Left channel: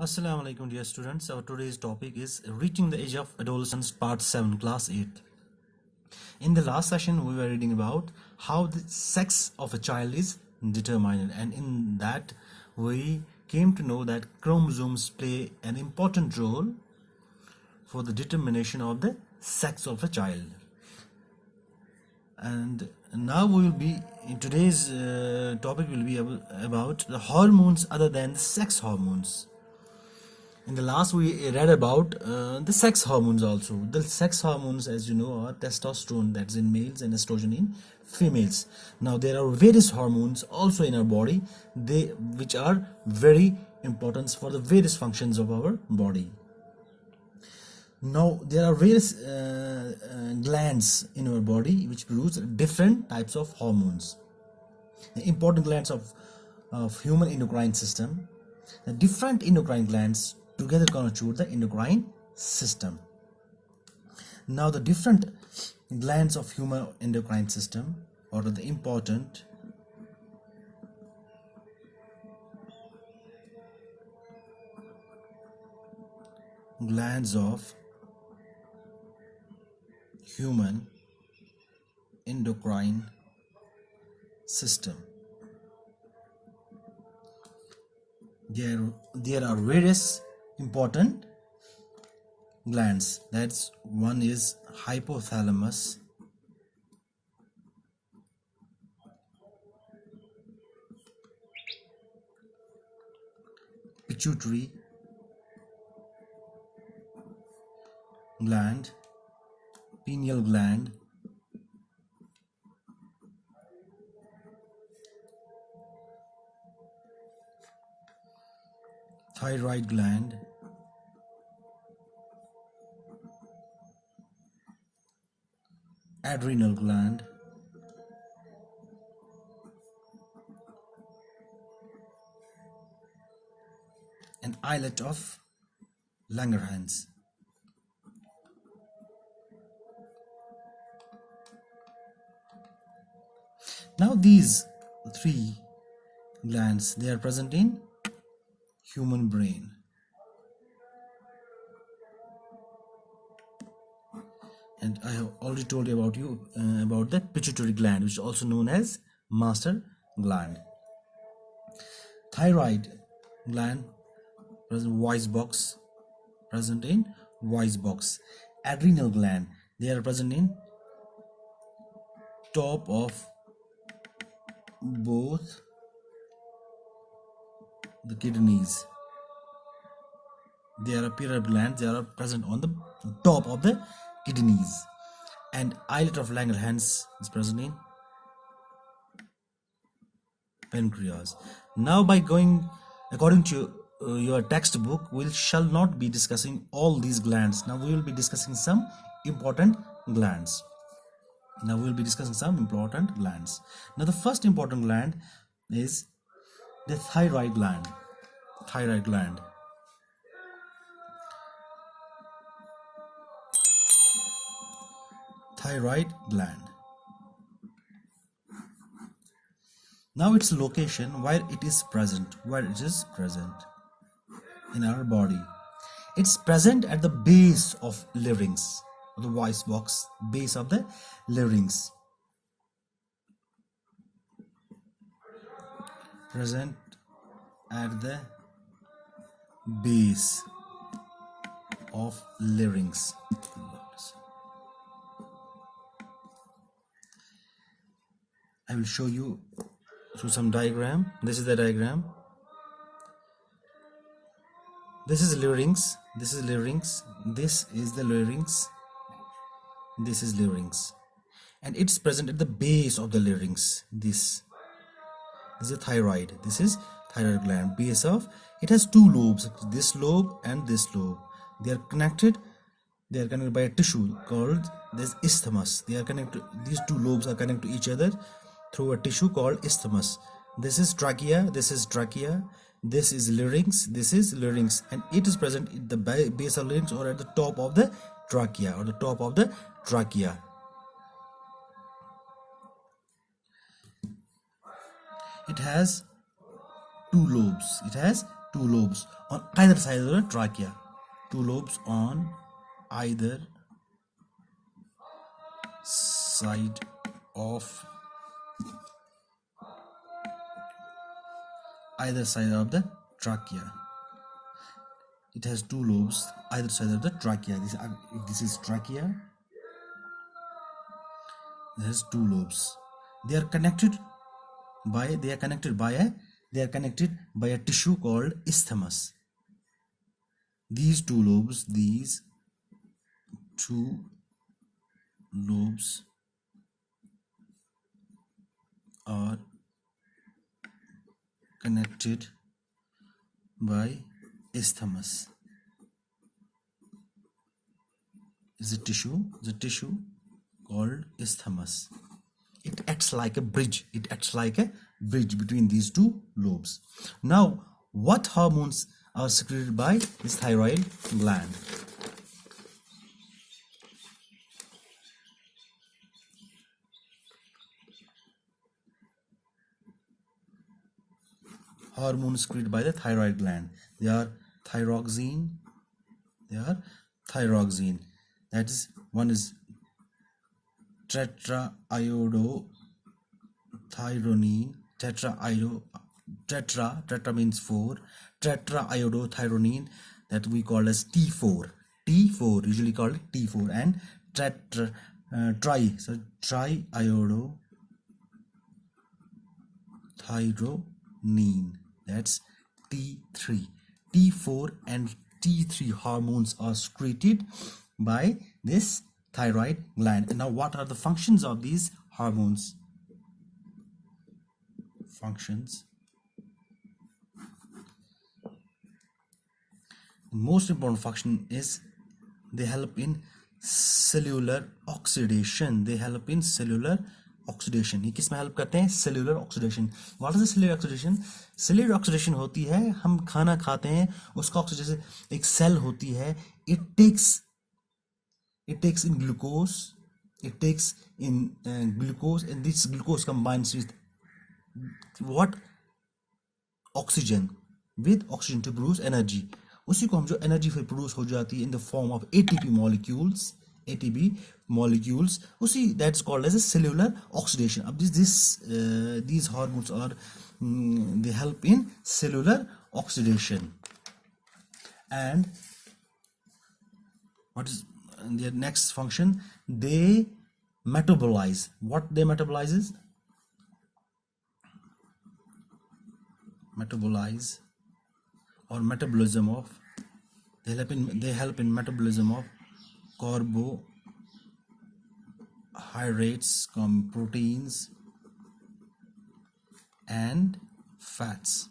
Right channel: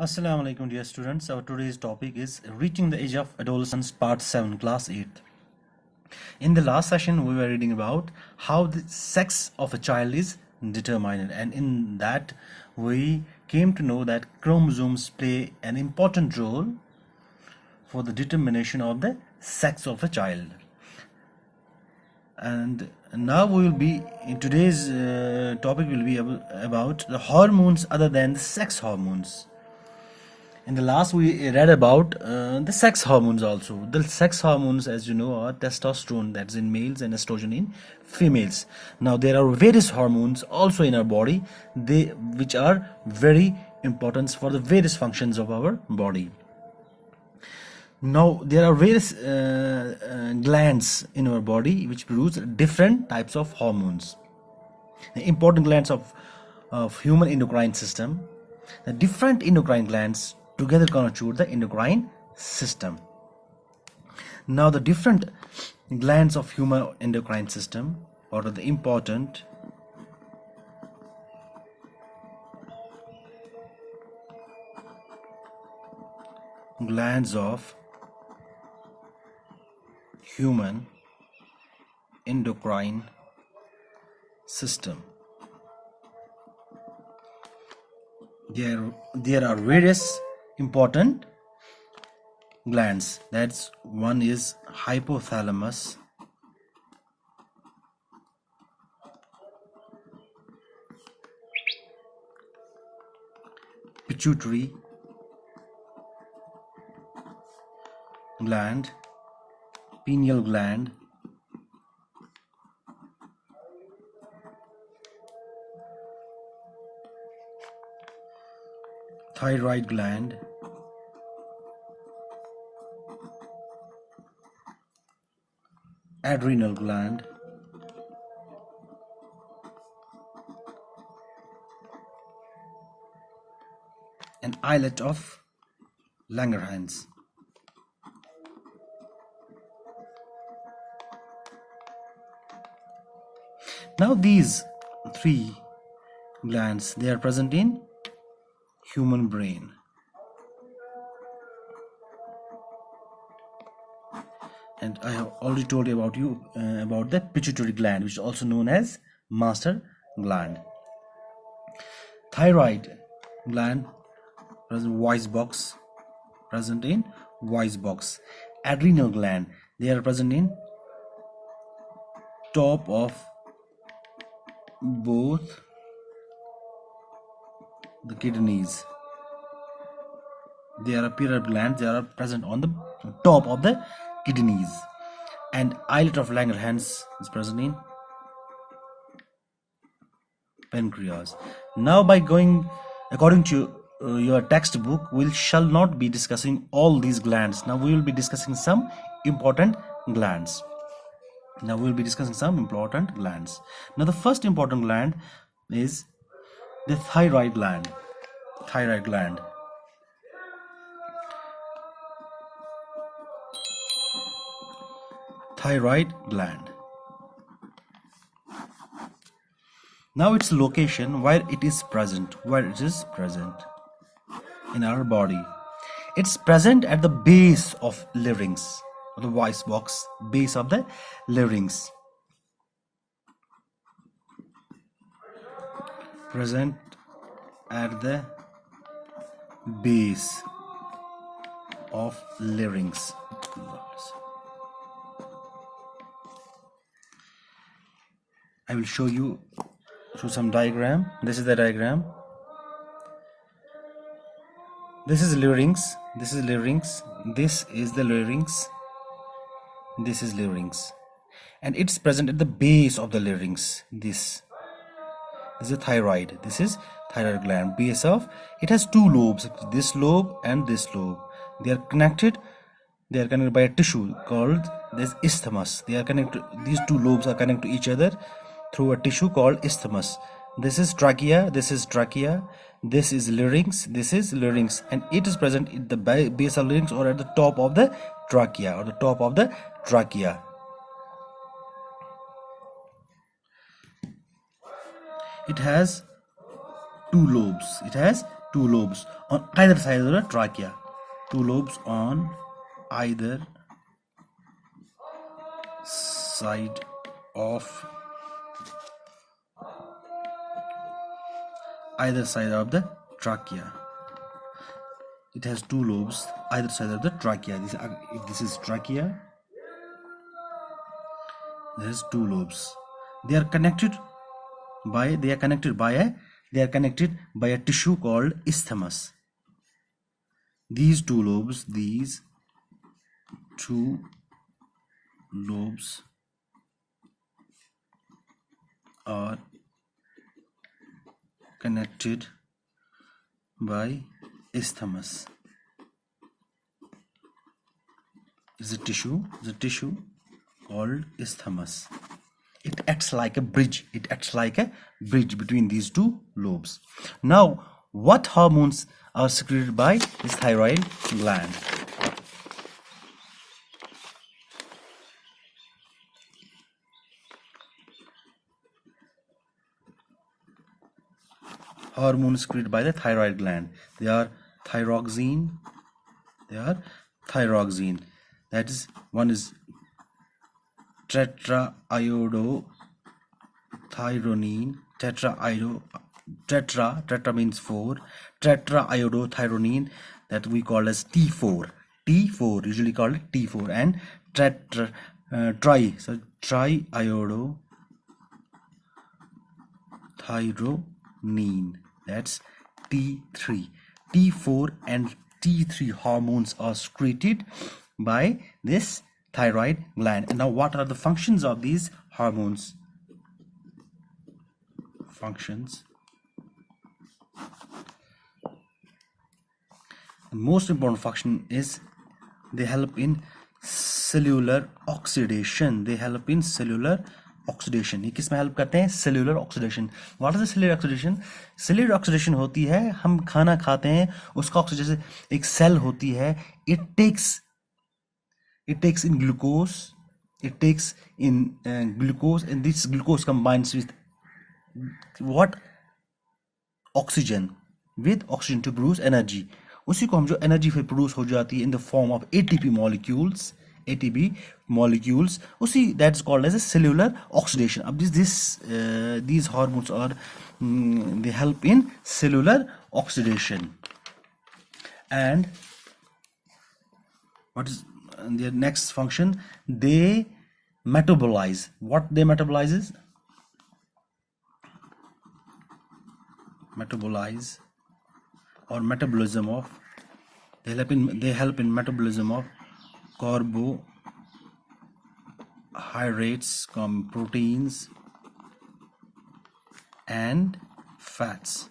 Assalamu alaikum dear students. Our today's topic is reaching the age of adolescence part 7 class 8. In the last session we were reading about how the sex of a child is determined, and in that we came to know that chromosomes play an important role for the determination of the sex of a child. And now we will be in today's topic will be about the hormones other than the sex hormones. In the last, we read about the sex hormones also. The sex hormones, as you know, are testosterone, that's in males, and estrogen in females. Now, there are various hormones also in our body, which are very important for the various functions of our body. Now, there are various glands in our body which produce different types of hormones. The important glands of human endocrine system. The different endocrine glands together constitute the endocrine system. Now the different glands of human endocrine system, or the important glands of human endocrine system. There are various important glands. That's one is hypothalamus, pituitary gland, pineal gland, thyroid gland, adrenal gland, and islet of Langerhans. Now these three glands, they are present in human brain. And I have already told you about the pituitary gland, which is also known as master gland. Thyroid gland present in voice box. Adrenal gland, they are present in top of both the kidneys. They are period glands, they are present on the top of the kidneys. And islet of Langerhans is present in pancreas. Now, by going according to your textbook, we shall not be discussing all these glands. Now we will be discussing some important glands. Now the first important gland is the thyroid gland. Thyroid gland. Thyroid gland. Now its location, where it is present in our body. It's present at the base of larynx, or the voice box, base of the larynx. Present at the base of larynx. I will show you through some diagram. This is the diagram. This is larynx. This is larynx. This is the larynx. This is larynx, and it's present at the base of the larynx. This is a thyroid. This is thyroid gland. Base of it has two lobes. This lobe and this lobe. They are connected. They are connected by a tissue called this isthmus. They are connected. These two lobes are connected to each other through a tissue called isthmus. This is trachea. This is trachea. This is larynx. This is larynx, and it is present at the base of larynx, or at the top of the trachea, It has two lobes. It has two lobes on either side of the trachea. Two lobes on either side of the trachea. It has two lobes either side of the trachea. If this is trachea, there has two lobes. They are connected by a tissue called isthmus. These two lobes are connected by isthmus. Is a tissue called isthmus. It acts like a bridge. Between these two lobes. Now, what hormones are secreted by this thyroid gland? Hormones secreted by the thyroid gland. They are thyroxine. That is, one is tetraiodothyronine. Tetra means 4. Tetraiodothyronine, that we call as T4. Usually called T4, and triiodothyronine, that's T3. T4 and T3 hormones are secreted by this thyroid gland. And now, what are the functions of these hormones? The most important function is they help in cellular oxidation. ये किस में help करते हैं? Cellular oxidation. What is the cellular oxidation? Cellular oxidation होती है, हम खाना खाते हैं, उसका ऑक्सीडेशन, एक सेल होती है, it takes in glucose, and this glucose combines with what? Oxygen, to produce energy. उसी को हम जो एनर्जी फिर प्रोड्यूस हो जाती है in the form of ATP molecules, उसी that is called as a cellular oxidation. अब these hormones are they help in cellular oxidation. And what is their next function? They metabolize. What they metabolize is metabolism of, they help in metabolism of carbohydrates, proteins and fats.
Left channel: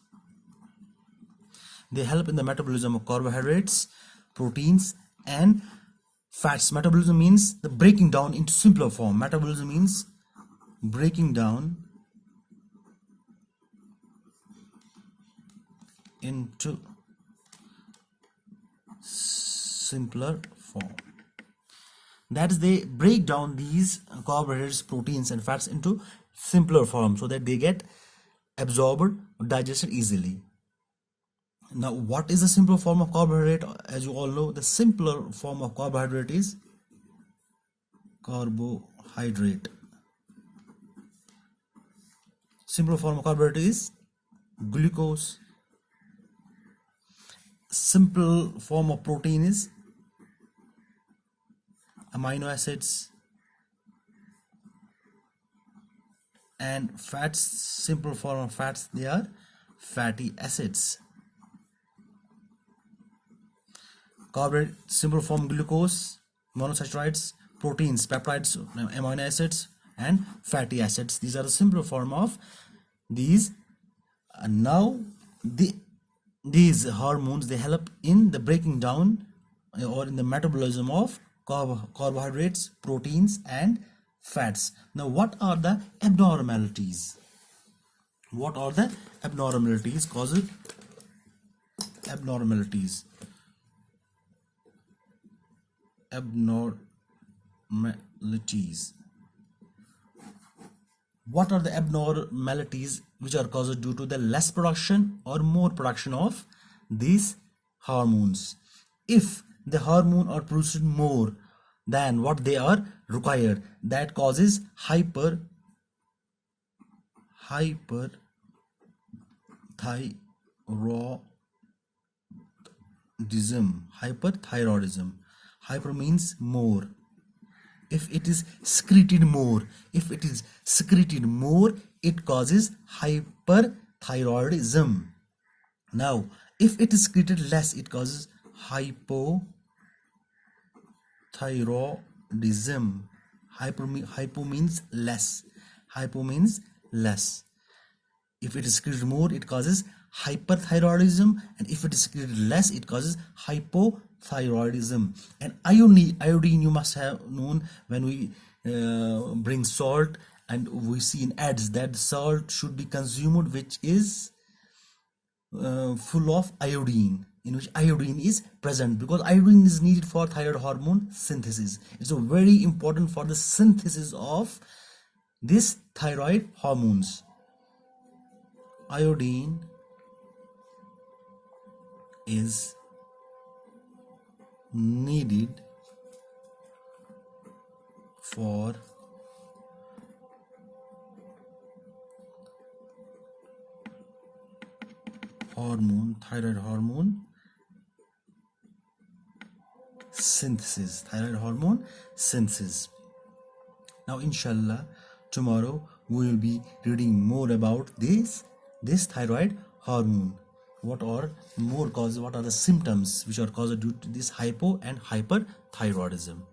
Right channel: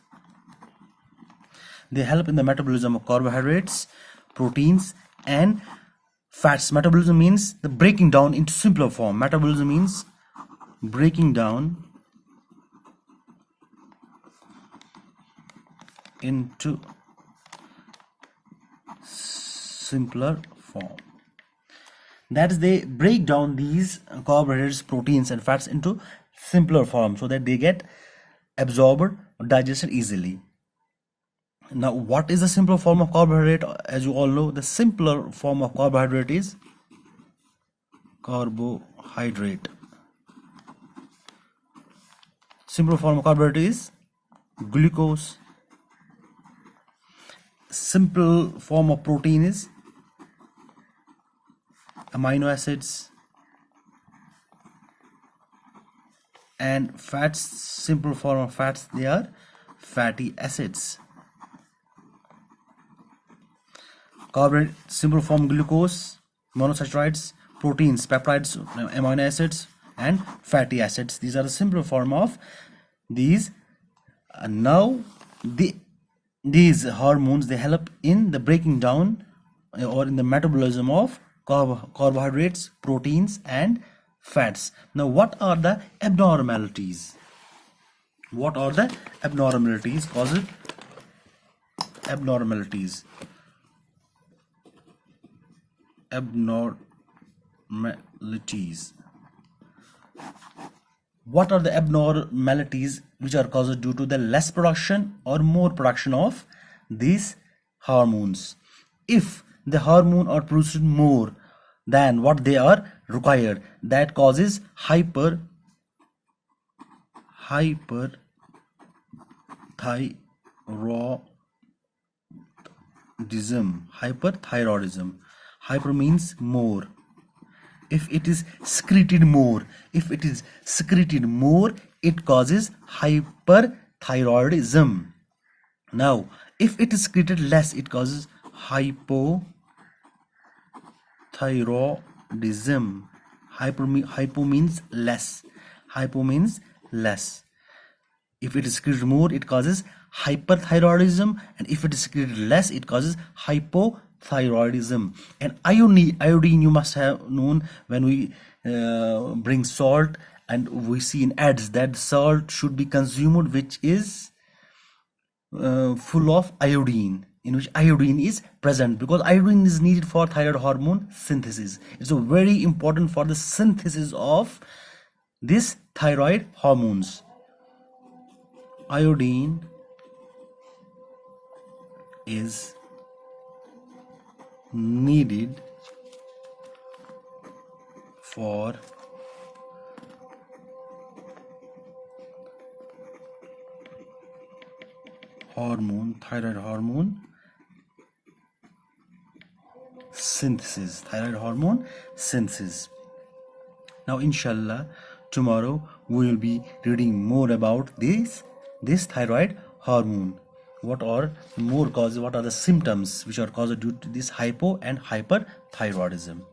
They help in the metabolism of carbohydrates, proteins and fats. Metabolism means the breaking down into simpler form. Metabolism means breaking down into simpler form. That is, they break down these carbohydrates, proteins and fats into simpler form so that they get absorbed or digested easily. Now, what is the simpler form of carbohydrate? As you all know, the simpler form of carbohydrate is carbohydrate. Simpler form of carbohydrate is glucose. Simple form of protein is amino acids, and fats, simple form of fats, they are fatty acids. Carbohydrate, simple form glucose, monosaccharides, proteins, peptides, amino acids and fatty acids. These are the simple form of these. Now these hormones, they help in the breaking down or in the metabolism of carbohydrates, proteins and fats. Now, what are the abnormalities? Causes abnormalities. What are the abnormalities which are caused due to the less production or more production of these hormones. If the hormone are produced more than what they are required, that causes hyperthyroidism. Hyper means more. If it is secreted more, it causes hyperthyroidism. Now if it is secreted less, it causes hypothyroidism. Hypo means less. If it is secreted more, it causes hyperthyroidism, and if it is secreted less, it causes hypothyroidism. And iodine you must have known. When we bring salt, and we see in ads that salt should be consumed which is full of iodine, in which iodine is present, because iodine is needed for thyroid hormone synthesis. It's very important for the synthesis of this thyroid hormones. Iodine is needed for thyroid hormone synthesis. Now inshallah, tomorrow we will be reading more about this thyroid hormone. What are more causes, what are the symptoms which are caused due to this hypo and hyperthyroidism.